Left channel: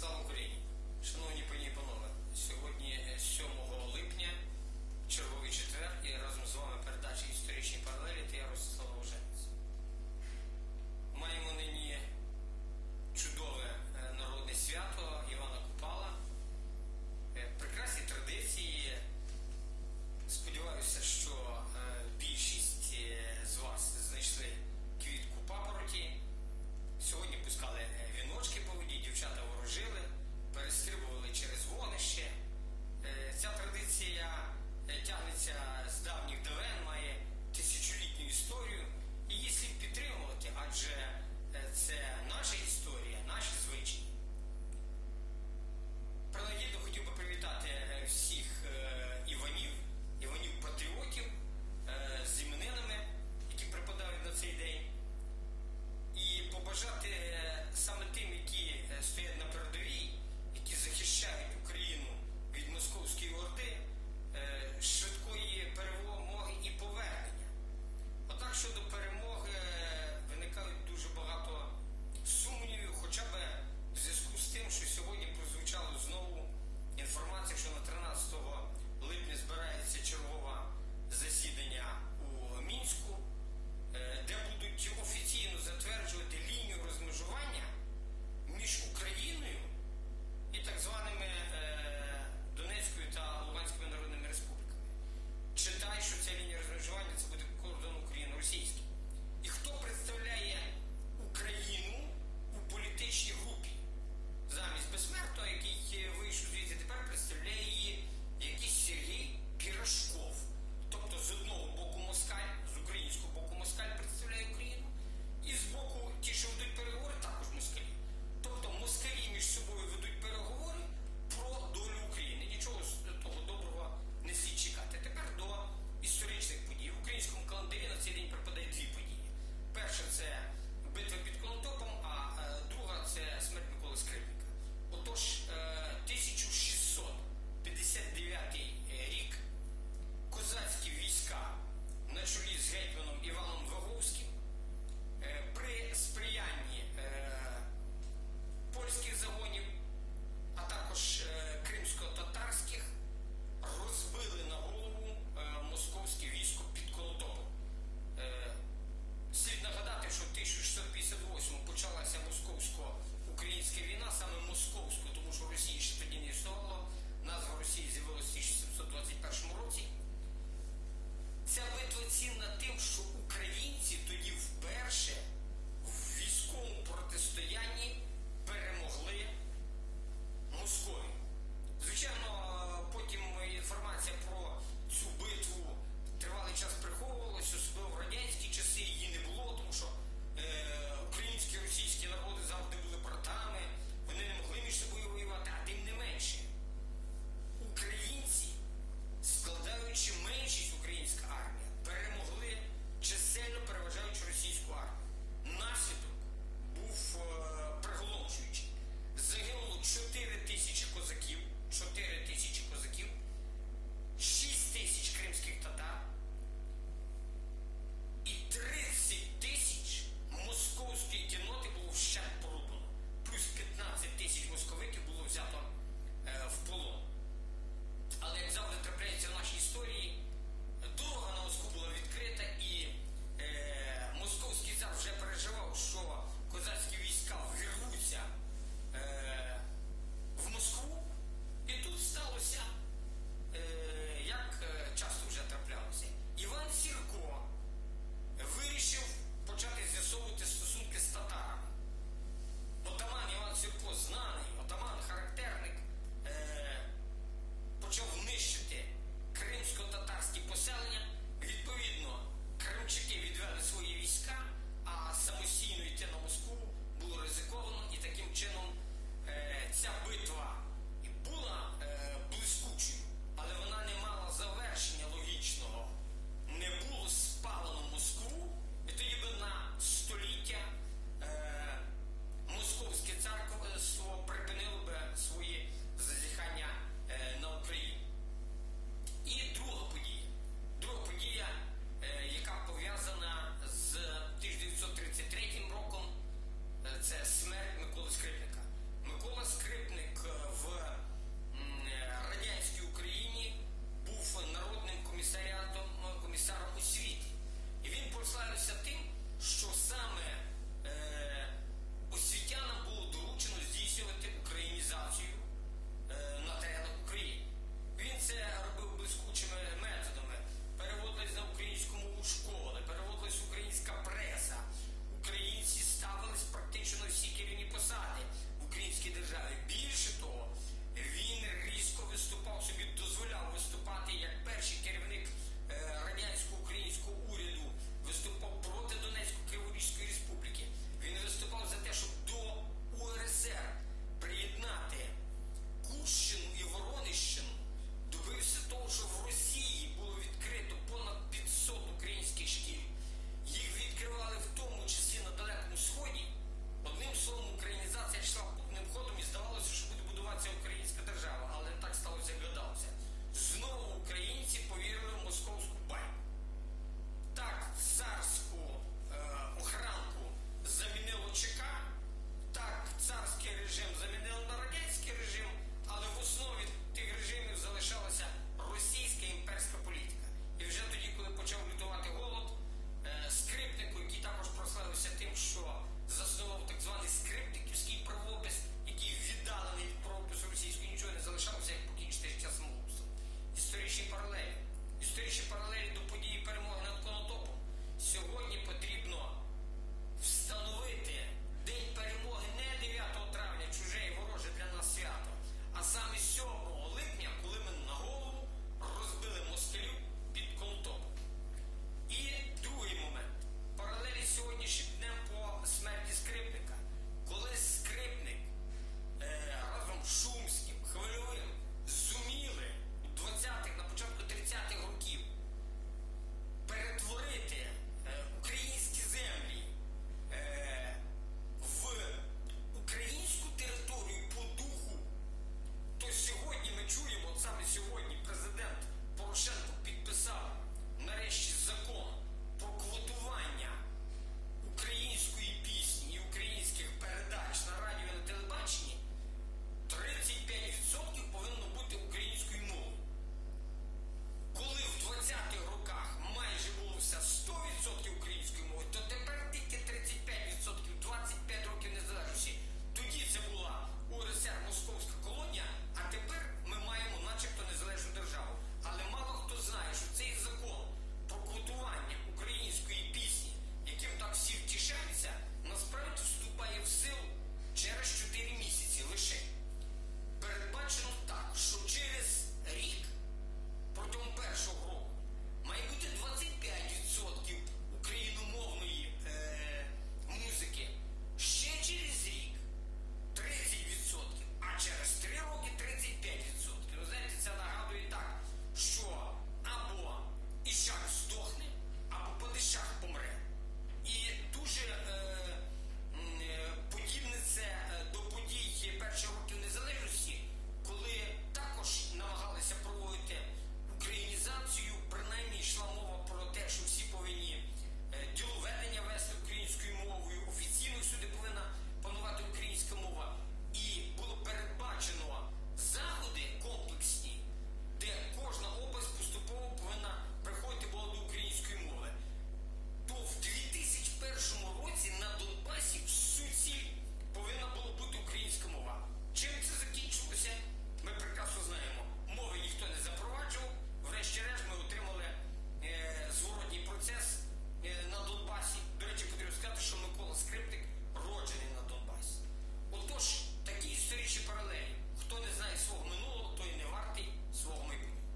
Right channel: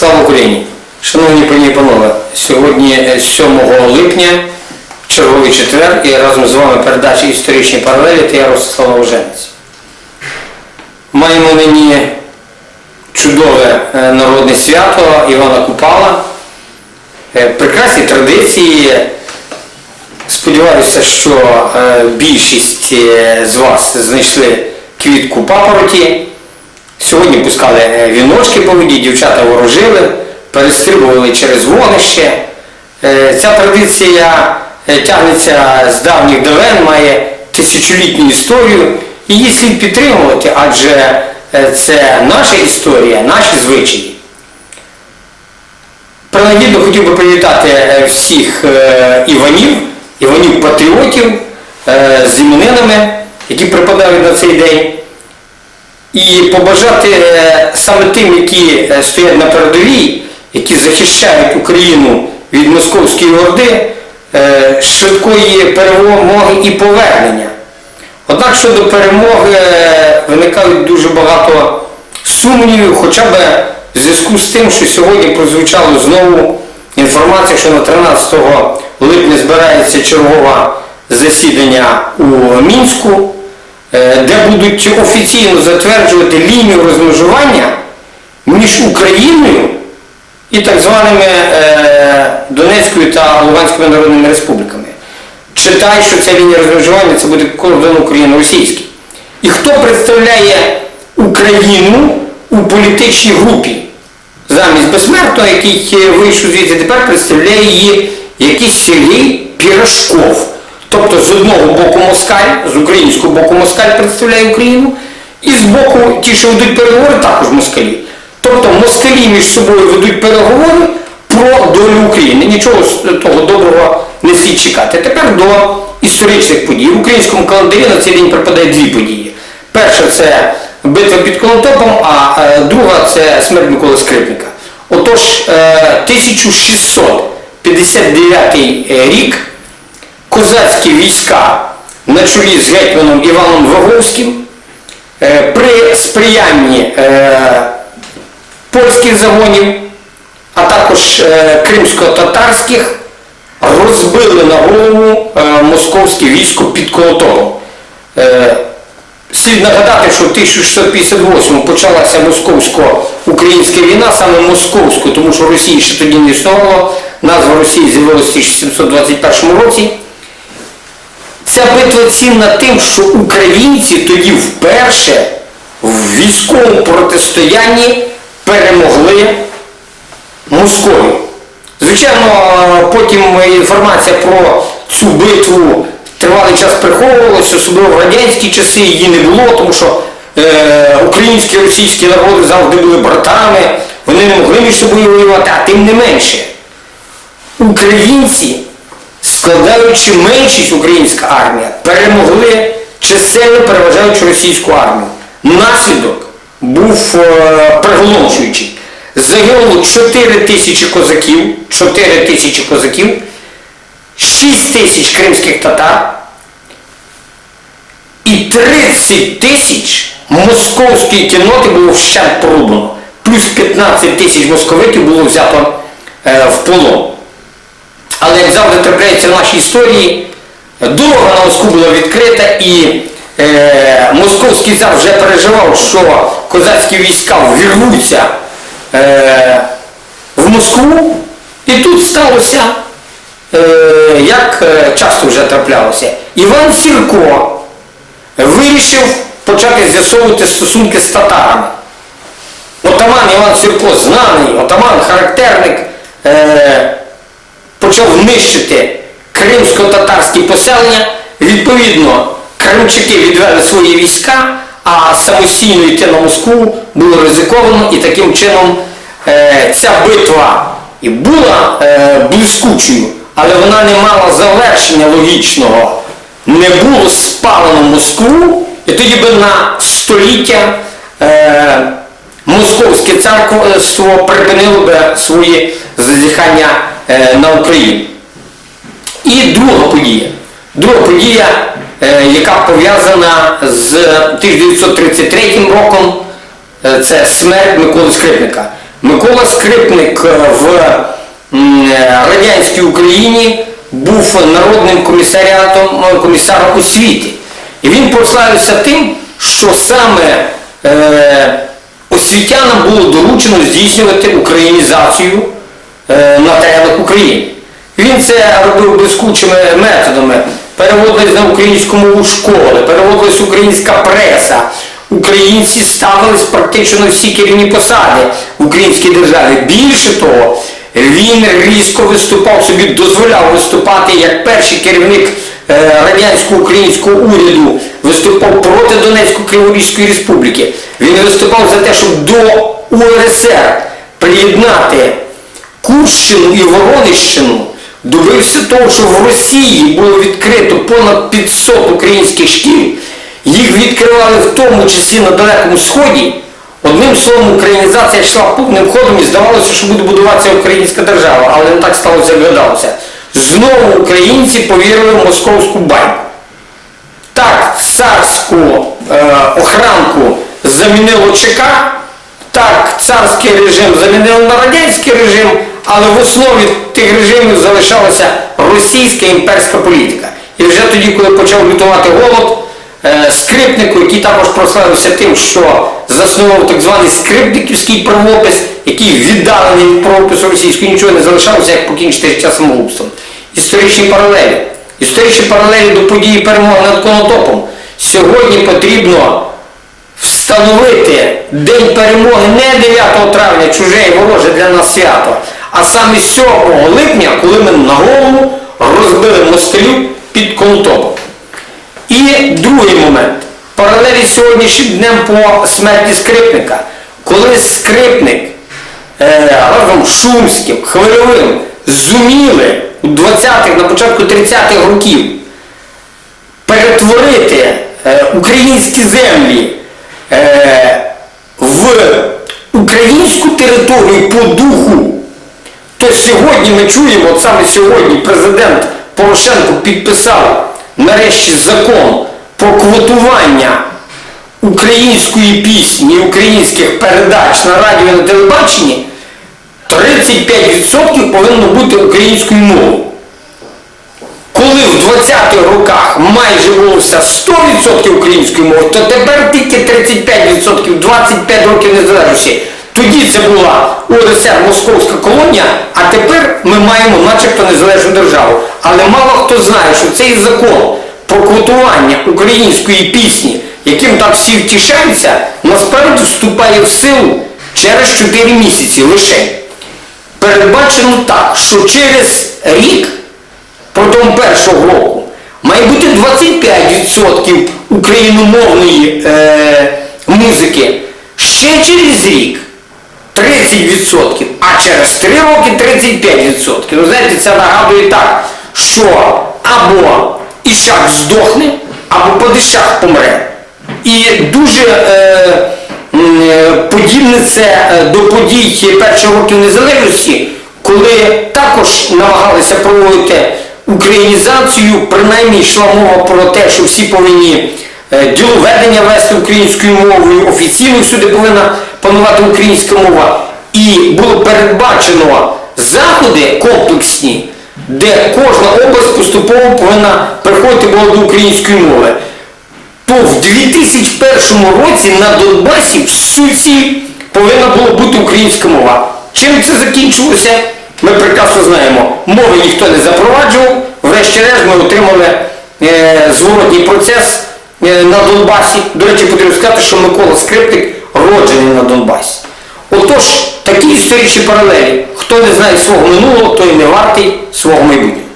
Слава Україні! Шановні пані і панове, сьогодні е, 7 липня, черговий четвер, і разом з вами передача історичні паралелі та я Ростислав Ложенець. Маємо нині чудове е, народне свято Івана Купала. Е, Прекрасні традиції. Сподіваюся, що е, більшість е, з вас знайшли квітку папороті. Сьогодні пускали е, віночки по воді, дівчата ворожили, перестрибували через вогнище. Е, Ця традиція е, тягнеться з давніх давен, має тисячолітню історію. Її слід підтримувати, адже це наша історія, наші звичаї. Принагідно хотів би привітати всіх Іванів, Іванів-патріотів з іменинами, які припадають на цей день. І побажати е, саме тим, які е, стоять на передовій, які захищають Україну від московської орди, е, швидкої перемоги і повернення. Однак щодо перемоги виникають дуже багато сумнівів, хоча б в зв'язку з тим, що сьогодні прозвучало знову інформація, що на 13 липня збирається чергове засідання у Мінську, де будуть офіційно затверджувати лінію розмежування між Україною і так званими е, Донецькою та Луганськими народними республіками. Читай, що ця лінія розмежування це буде кордон України-російський. І хто представляє Україну у політичній групі? Замість безсмертного, який е, вийшов звідти, тепер представляє її якийсь Сергій Пірашков. Тобто з одного боку москаль, з українського боку москаль представляє Україну, і з боку ті, що ведуть переговори, також москалі. Тобто москалі між собою ведуть переговори про долю України. Нічого того доброго не слід чекати. Тепер до історичних подій. В українському календарі на цей день припадає дві події. Перша це битва під Конотопом, а е, друга це смерть Миколи Скрипника. Отож, е, 1659 рік козацькі війська на чолі з гетьманом Іваном Ваговським е, при сприянні е, польських загонів, а також е, кримсько-татарських розбили на голову московське військо під Колотовом. Слід нагадати, що в 1658 почалася московсько-українська війна, саме московську, тому що Росії ще тоді не існувало, назва Росії з'явилася в 1721 році. Ця битва цінна тим, що українці тоді вперше в військовому протистоянні перемогли Московію. Звичайно, потім інформація про цю битву тривалий час приховувалася, особливо в радянські часи її не було, тому що е, українські і російські народи завжди були братами, вони не могли між собою воювати, а тим не менше. Українці, складаючи меншість українська армія, перемогли чисельно переважаючи російську армію. Наслідок був е, приголомшуючий. Загинуло 4 тисячі козаків, 4 тисячі козаків, 6 тисяч кримських татар і 30 тисяч московської кінноти було вщент порубано. Плюс 15 тисяч московитів було взято е, в полон. Але трапляється в нашій історії, дорога на Москву була відкрита і е, московський цар вже переживав, що козацькі війська ввірвуться е, в Москву. І тут сталося, е, як е, часто вже траплялося, Іван Сірко вирішив почати з'ясовувати стосунки з татарами. Отаман Іван Сірко, знаний, отаман, характерник, е, почав нищити кримсько-татарські поселення. Відповідно, кримчаки відвели свої війська, а самостійно йти на Москву було ризиковано і таким чином е, ця битва і була е, блискучою, але вона не мала завершення логічного. Не було спалено Москву, і тоді би на століття е, Московське царство припинило би свої зазіхання е, на Україну. І друга подія. Друга подія, е, яка пов'язана з 1933 роком, е, це смерть Миколи Скрипника. Микола Скрипник е, в е, радянській Україні був народним комісаріатом е, комісаром освіти. І він прославився тим, що саме е, освітянам було доручено здійснювати українізацію е, на теренах України. Він це робив блискучими методами. Переводились на українську мову школи, переводилась українська преса. Українці ставились практично на всі керівні посади в українській державі. Більше того, він різко виступав собі, дозволяв виступати як перший керівник е, радянського українського уряду, виступав проти Донецької Криворізької республіки. Він виступав за те, щоб до УРСР приєднати Курщину і Воронищину добився того, що в Росії було відкрито понад 500 українських шкіл, їх відкривали в тому числі на Далекому Сході. Одним словом, українізація йшла повним ходом і здавалося, що буде будуватися українська держава, але не так сталося, як гадалося. Знову українці повірили в московську байку. Так, царську е, охранку замінило ЧК, так, царський режим замінили на радянський режим, але в основі тих режимів залишалася російська імперська політика. І вже тоді, коли почав лютувати голод, е, скрипнику, який також прославився тим, що заснував так званий скрипниківський правопис, який віддалений від правопису російського, нічого не залишалося, як покінчити життя самогубством. Історичні паралелі. Історичні паралелі до події перемоги над Конотопом. Сьогодні потрібно встановити День перемоги не 9 травня, чуже і вороже для нас свято, а саме 7 липня, коли ми на голову розбили москалів під Конотопом. І другий момент. Паралелі сьогоднішнім днем по смерті скрипника. Коли скрипник е, разом з Шумським, Хвильовим зуміли у 20-х, на початку 30-х років перетворити е, українські землі е, в українську територію по духу, то сьогодні ми чуємо, от саме сьогодні президент Порошенко підписав нарешті закон про квотування української пісні українських передач на радіо і на телебаченні, 35% повинно бути українською мовою. Коли в 20-х роках майже було 100% української мови, то тепер тільки 35%, 25 років незалежності. Тоді це була УРСР Московська колонія, а тепер ми маємо начебто незалежну державу. Але мало хто знає, що цей закон про квотування української пісні, яким так всі втішаються, насправді вступає в силу через 4 місяці лише. Передбачено так, що через рік протягом першого року має бути 25% україномовної е, музики. Ще через рік 30%, а через 3 роки 35%. Ну, знаєте, це нагадує так, що або Ішак здохне, або Падишах помре. І дуже е, подібне це е, до подій перших років незалежності, коли також намагалися проводити українізацію, принаймні йшла мова про те, що всі повинні е, діловедення вести українською мовою, офіційно всюди повинна панувати українська мова. І було передбачено заходи комплексні, де кожна область поступово повинна переходити була до української мови. То в 2001 році на Донбасі в суті повинна була бути українська мова. Чим це закінчилося? Ми прекрасно знаємо. Мови ніхто не запроваджував. Врешті-решт ми отримали е, зворотній процес е, на Донбасі. До речі, потрібно сказати, що Микола Скрипник роджений на Донбасі. Отож, такі історичні паралелі. Хто не знає свого минулого, той не вартий свого майбутнього.